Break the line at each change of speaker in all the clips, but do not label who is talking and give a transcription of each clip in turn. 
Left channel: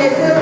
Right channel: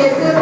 este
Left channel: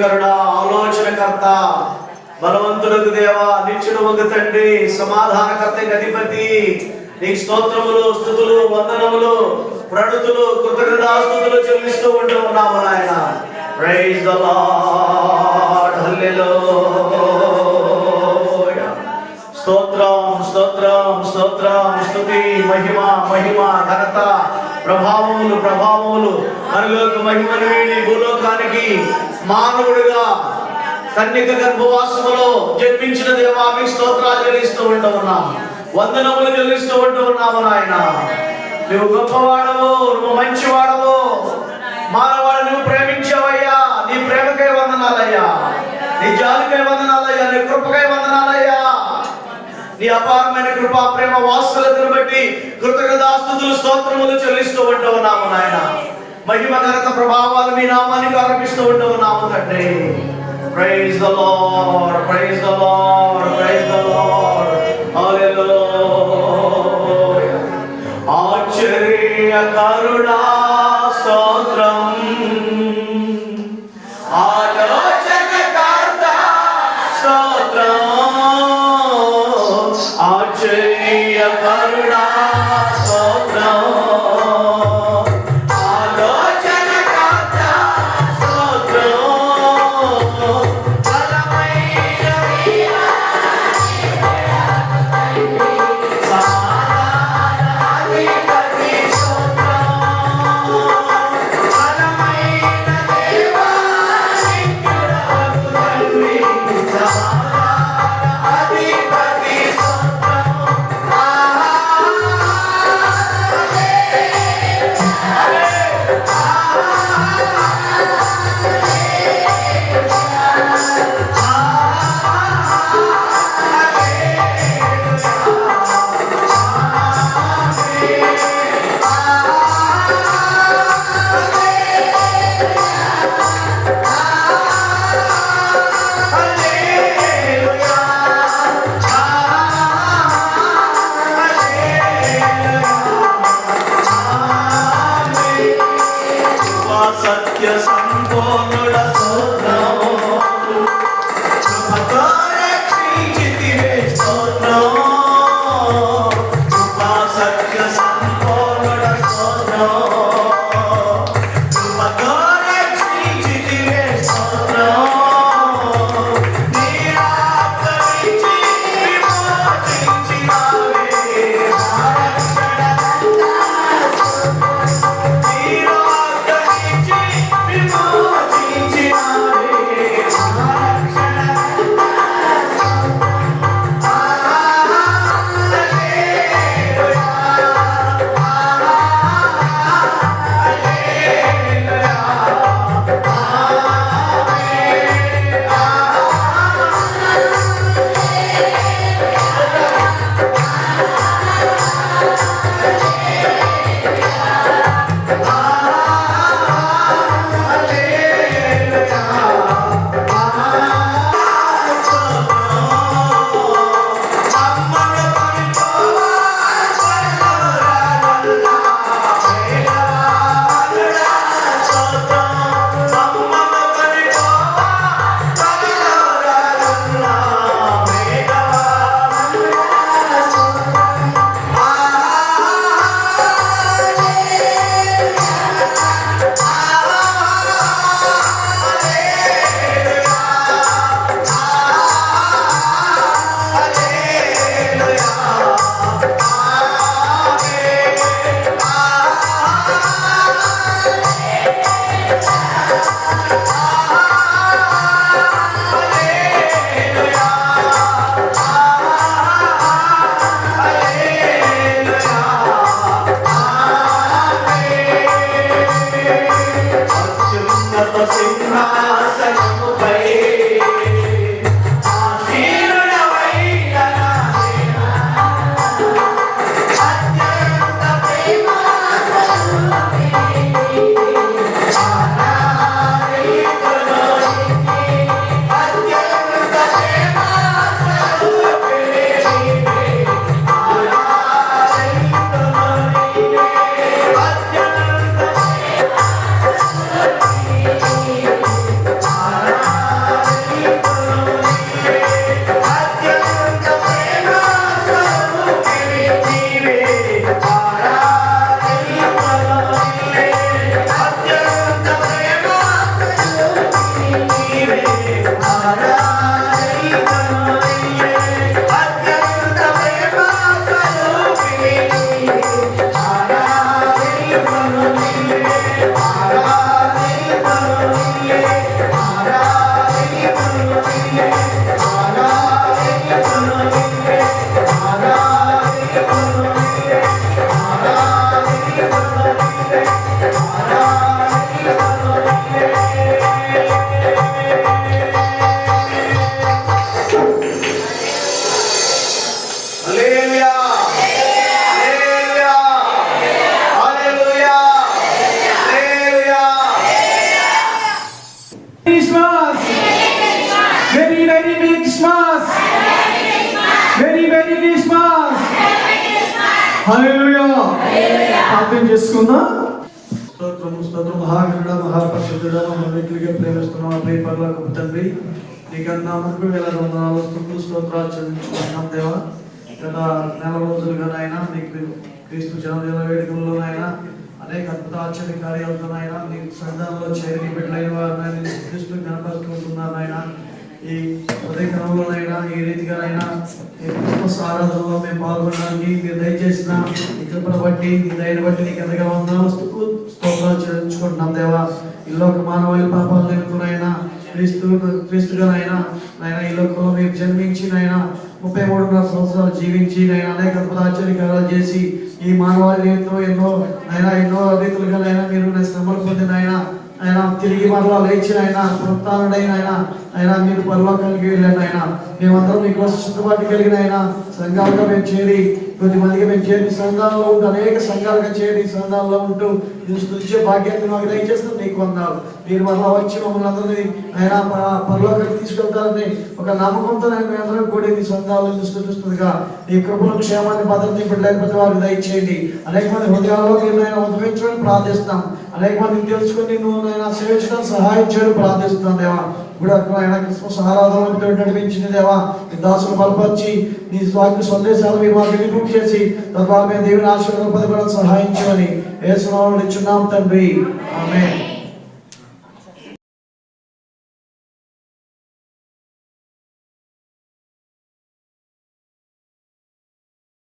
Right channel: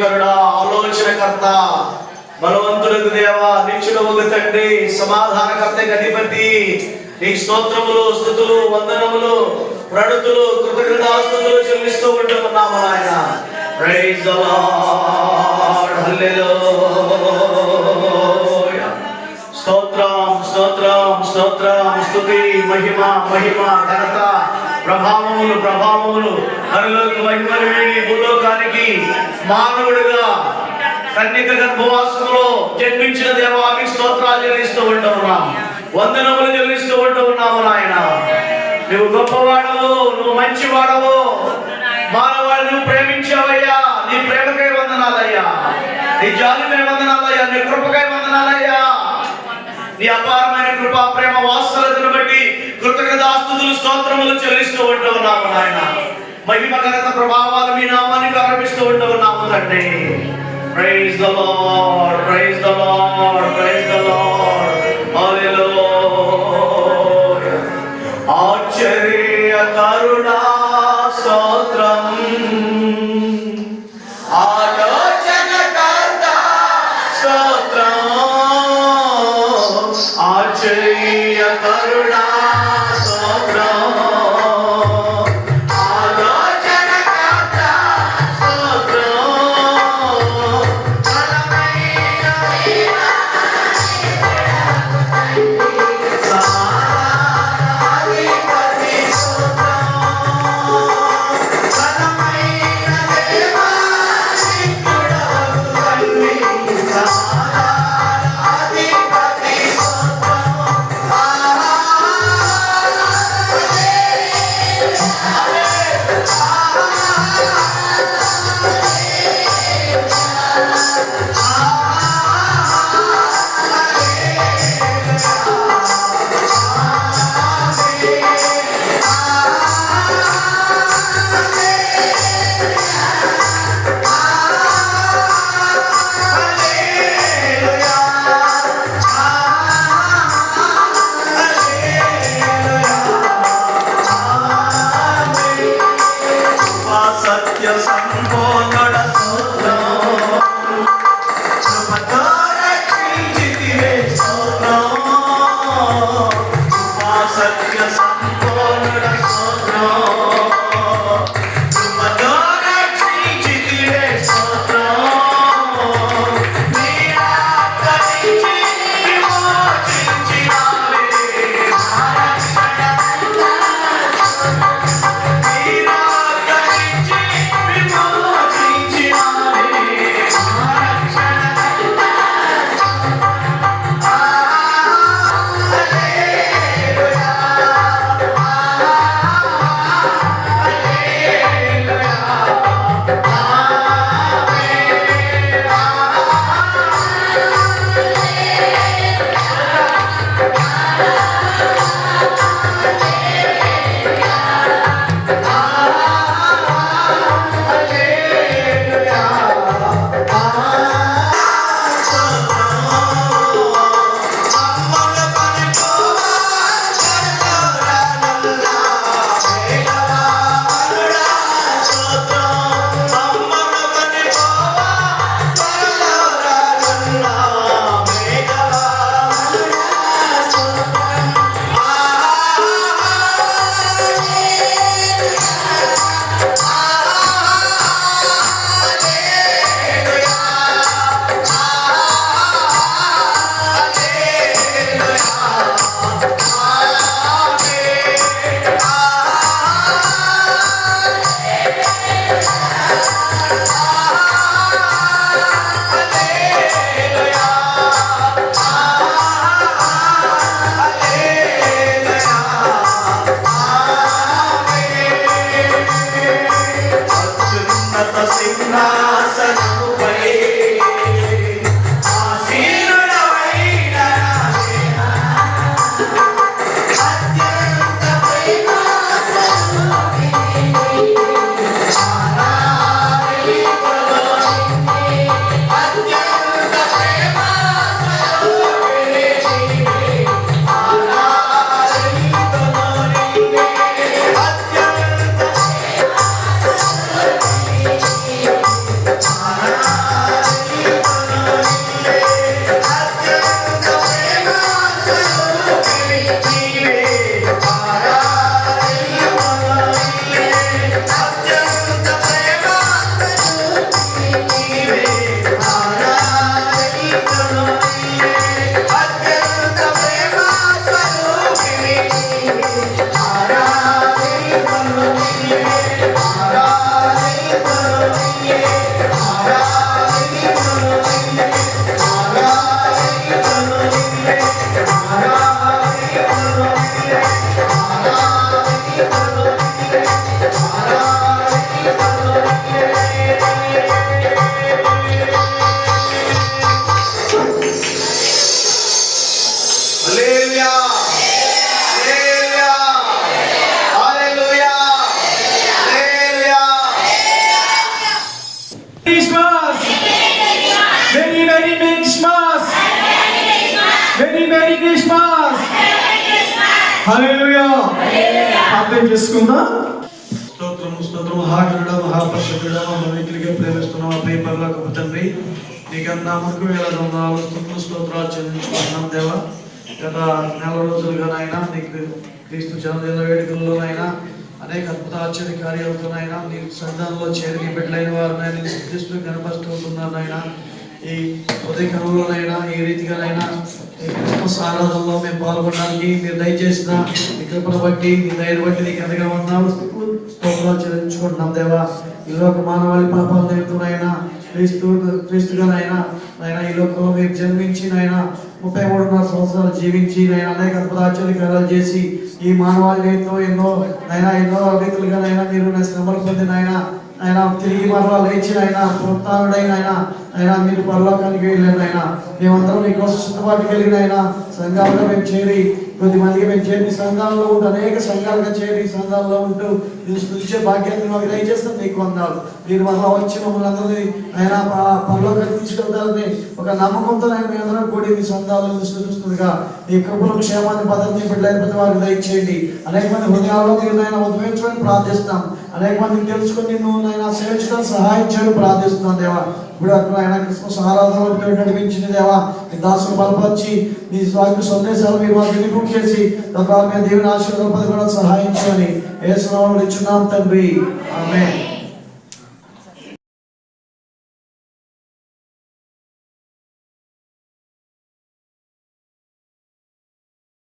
కరుణ ఆలోచనకర్త బలవంతులకు దేవ నిత్యుడవకు తండ్రి సమాధానకర్త అధిపతి నీ స్తోత్రములు స్థుతులు వందనములు ప్రణుతులు కృతజ్ఞతాస్తుతులు చెల్లిస్తూ ఉంటూ ఉన్నాము నాయన. ప్రైజ్ ద లార్డ్ హల్లెలూయా స్తోత్రం స్తోత్రం స్తోత్రం స్తుతి మహిమ మహిమ ఘనత. ప్రభావములు ప్రభావములు. నరులోకి మహిమలు వీడి భూలోకానికి మానవుడిగా కన్నిక గర్భవాసములో జన్మించిన దేవామి స్తోత్రాలు చెల్లిస్తూ ఉంటున్నాం వందనములు చెల్లిస్తూ ఉంటూ ఉన్నాము నాయన. నువ్వు గొప్పవాడవు నువ్వు మంచివాడవు. మానవాడు నువ్వు ప్రేమించావయ్యా. నీ ప్రేమకై వందనాలయ్యా. నీ జాలికై వందనాలయ్యా. నీ కృపకై వందనాలయ్యా. నీ అపారమైన కృపా ప్రేమ వాత్సల్యతను బట్టి కృతజ్ఞతాస్తుతులు స్తోత్రములు చెల్లిస్తూ ఉంటావు ఉన్నాము నాయన. మహిమ ఘనత ప్రభావాలు మీ నామానికి ఆరోపిస్తూ ఉంటావు ఉన్నాము తండ్రి. Praise the Lord praise the Lord praise the Lord
aproximar. Hallelujah.
ప్రార్థన చేసుకుందాం. స్తోత్రము స్తోత్రము. మహాగరుడ మహాపరిశుద్ధుడ మమ్మల్ని ప్రేమిస్తున్నాం పై పరలోకపు తండ్రి నీ నామకు వేల వందనాలు స్తుతులు స్తోత్రాలు చెల్లించుకుంటున్నాం దేవా.
గత నెల రోజులుగా నాయన నీకు క్రీస్తు జన్మదిన వేడుకల్లో నాయన అనేక అద్భుత ఆశ్చర్య కార్యాలతో నాయన నీ సంఘంలో చేరి నీ బిడ్డలైన వారు నాయన నీ క్రీస్తుని కనపరుస్తుంటున్నారు నాయన. ఈ ఉదయకాలంలోనైనా ఈ రీతిగానైనా ఈ క్రిస్మస్ ఆరాధనలో మేము పాల్గొనడానికి మీరు దయచేసిన ఈ కృపను బట్టి ఈ దయను బట్టి నీకు ఎంతగా ఉన్నాము స్తోత్రాలు చెల్లించుకుంటున్నాం దేవా. ఈ లోక మానవాళి పాపాల నిమిత్తమైనా క్రీస్తు క్రీస్తుగానైనా నైనా ఈ లోకంలో మీరు జన్మించి నైనా ముప్పై మూడున్నర సంవత్సరాలు జీవించి నైనా అనేక అద్భుత చేసి ఈ మానవాళి ఎంతో ఎన్నో నైనా ఎన్నో రీతులుగా నైనా మీరు నా శ్రమలు పొందిన ఆయన తిరిగి మరలా లేచి ఆయన పునరుత్డైన ఆయన ఆయన మీరు పరలోకానికి వెళ్ళండి ఆయన. మేమందరం మీకోసం సిద్ధపాటుకి వెళ్ళిన ఆయన. సంఘాలుగా మేము చేరి కొద్ది మందికి మేము చేరిన సంఘాలలో ఉంటూ అనేక సంఘాలుగా చేరి సంఘాల్లో ఉంటూ మీరు స్థుతించే భాగ్యాన్ని మాకు దయచేస్తాం నీకు వందాలు. మీరు మరలా వచ్చి మమ్మల్ని అందరినీ ఆయన ప- పరలోకానికి తీసుకెళ్తారని ఒక నమ్మకంతో ఆయన మీ అందరం కూడి మీ సంఘాలను స్థుతిస్తుండగా నీ కృపను క్షేమాన్ని భద్రతని బిడ్డలైన ప్రతి వారికి దయచేయండి. అనేక మంది హృదయాల్లో నేను ఆయన ఉద్భవించడానికి ప్రార్థిస్తున్నాం. అనేక మందిని తెలుసుకుని నువ్వు నేను సేవించడానికి సహాయం చేయడం ప్రార్థిస్తున్నాను దేవా. ఇప్పుడు ఆయన క్రిస్మస్ ఆరాధన నడిపించిన దేవా నీ దాసులు బలపరిచి నీ స్వామి సందేశాలు మీరు వారికి వినిపింపు చేసి తద్వారా దేవుని ఆశీర్వాదం పొందుకోవడం సహాయం ఏ సునామం ఇచ్చున్నాం తండ్రి. ఆమె